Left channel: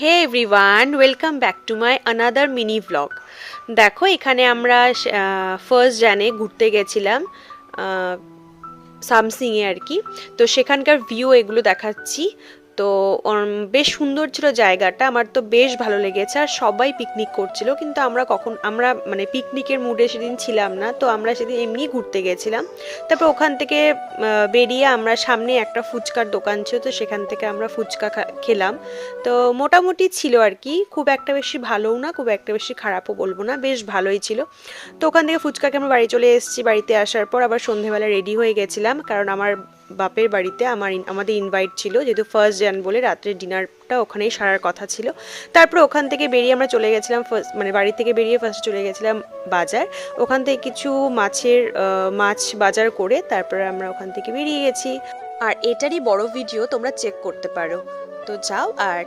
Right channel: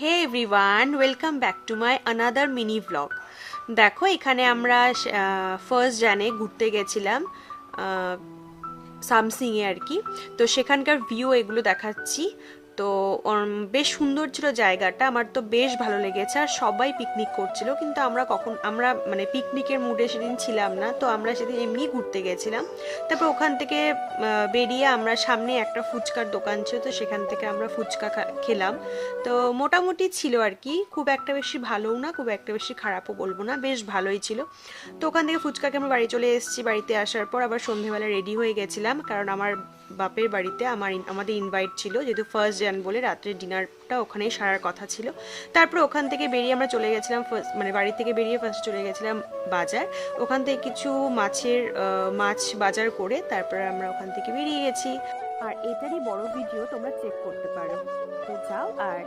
Hey everyone, welcome back to my another mini blog. দেখো, এখানে আমরা ফার্স্ট জানে ঘুরতে গেছিলাম সামসিংয়ে আর কি। তো সেখানকার ভিউ এগুলো দেখাচ্ছি। তো বেশ সুন্দর ছিল জায়গাটা, আমার তো বেশ ভালো লেগেছে। আর সবাই পিকনিক করছিল, কিন্তু আমরা মানে পিকনিকের মুডে সেদিন ছিলাম না। তো আমরা সেদিন এমনি ঘুরতে গেছিলাম। তারপর ওখান থেকে বেরিয়ে আমরা সামনে একটা ফুচকার দোকান ছিল, তো সেখান থেকে আমরা ফুচকা খেলাম। তো মোটামুটি ছিল আর কি, খুব একটা বেশি ভালোও না, খুব একটা বেশি খারাপও বলবো না, বেশ ভালোই ছিল। তো ওখান থেকে ফুচকাকে আমরা বাড়ি চলে এসেছি। বাড়িতে আসার পর আবার সন্ধেবেলা রেডি হয়ে গেছিলাম, কারণ আমার বাপের বাড়িতে আমাদের ইনভাইট ছিল, যেহেতু ফার্স্ট জান বলে রাত্রের ডিনারটা ওখানেই সারার কথা ছিল। তারপর ওখান থেকে বেরিয়ে আমরা চলে গেছিলাম মানে বাড়ি থেকে বেরিয়ে ফার্স্ট চলে গেছিলাম বাজার। ওখান থেকে কিছু মাছ বাজার করে তারপরে আমরা ওখান থেকে বেরিয়ে গেছি। আর এটারই বড় ভিডিও তোমরা চেক করতে পারো। তো যাও আর